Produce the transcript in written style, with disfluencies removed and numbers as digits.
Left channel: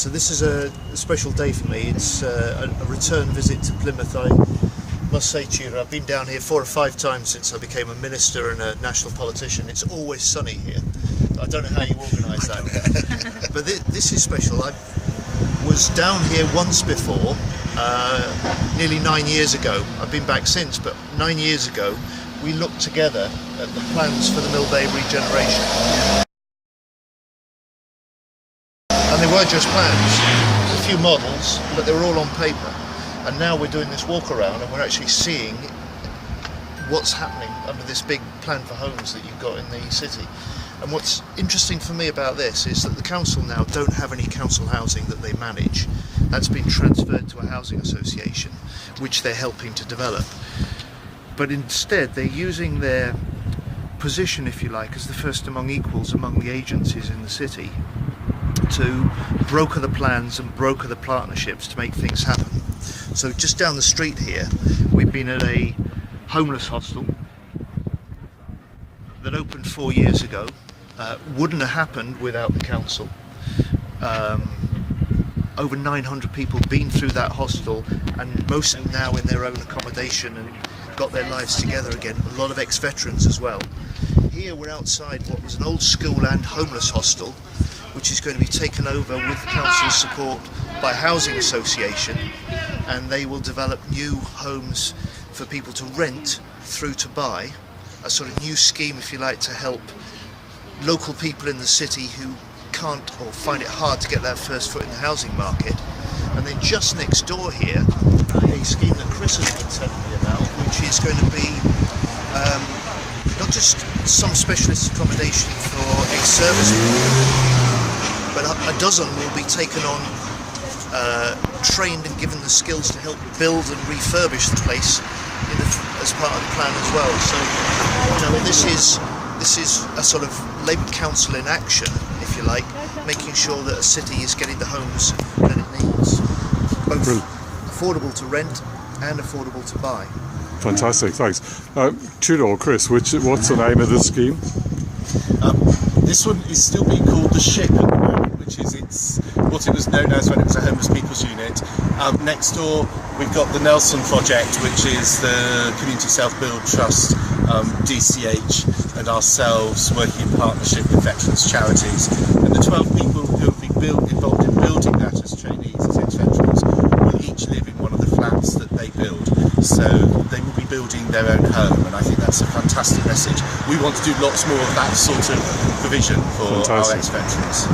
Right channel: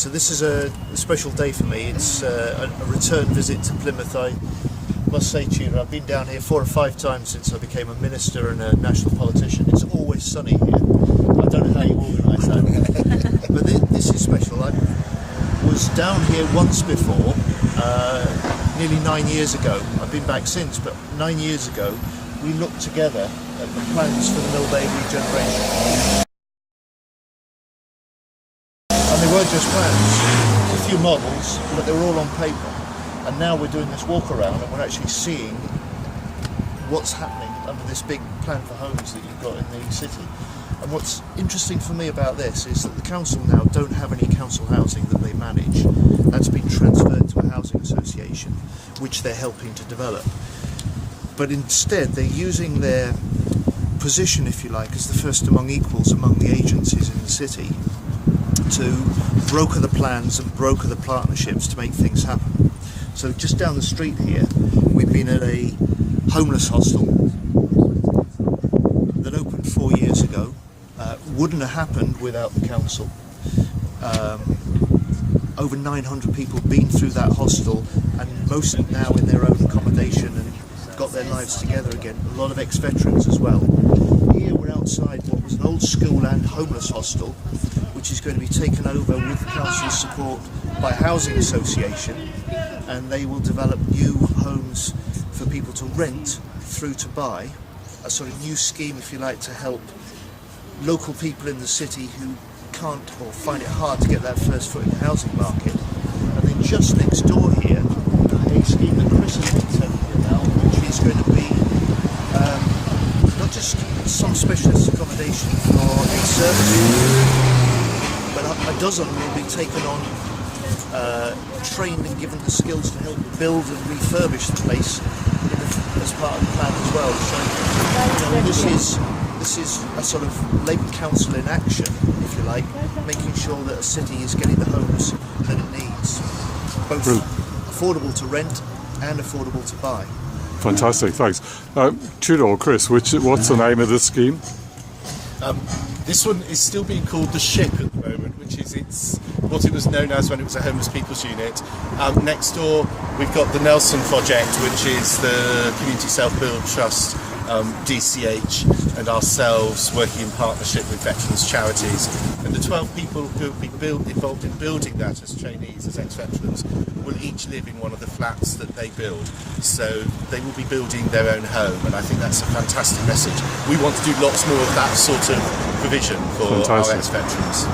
So this is a special day for me. It's a return visit to Plymouth. I must say to you, I've been down here 4 or 5 times since I became a minister and a national politician. It's always sunny here. I don't know how you organise that. But this is special. I was down here once before, nearly 9 years ago. I've been back since, but 9 years ago we looked together at the plans for the Millbay regeneration. And they were just plans, a few models, but they were all on paper. And now we're doing this walk around and we're actually seeing what's happening under this big plan for homes that you've got in the city. And what's interesting for me about this is that the council now don't have any council housing that they manage. That's been transferred to a housing association, which they're helping to develop. But instead they're using their position, if you like, as the first among equals among the agencies in the city to broker the plans and broker the partnerships to make things happen. So just down the street here, we've been at a homeless hostel that opened 4 years ago. Wouldn't have happened without the council. Over 900 people been through that hostel, and most now in their own accommodation and got their lives together again. A lot of ex-veterans as well. Here we're outside what was an old school and homeless hostel, which is going to be taken over with the council's support by a housing association, and they will develop new homes for people to rent through to buy, a sort of new scheme, if you like, to help local people in the city who can't or find it hard to get their first foot in the housing market. And then just next door here, a scheme that Chris has been telling me about, which is going to be not just some specialist accommodation for ex-service people, but a dozen will be taken on, trained and given the skills to help build and refurbish the place as part of the plan as well. So, you know, this is a sort of Labour Council in action, if you like, making sure that a city is getting the homes that it needs, both affordable to rent and affordable to buy. Fantastic, thanks. Tudor, Chris, what's the name of the scheme? This one is still being called the Ship at the moment, which is what it was known as when it was a homeless people's unit. Next door we've got the Nelson Project, which is the Community Self-Build Trust, DCH and ourselves working in partnership with veterans charities. And the 12 people who have been involved in building that as trainees, as ex-veterans, will each live in one of the flats that they build. So they will be building their own home, and I think that's a fantastic message. We want to do lots more of that sort of provision for our ex-veterans.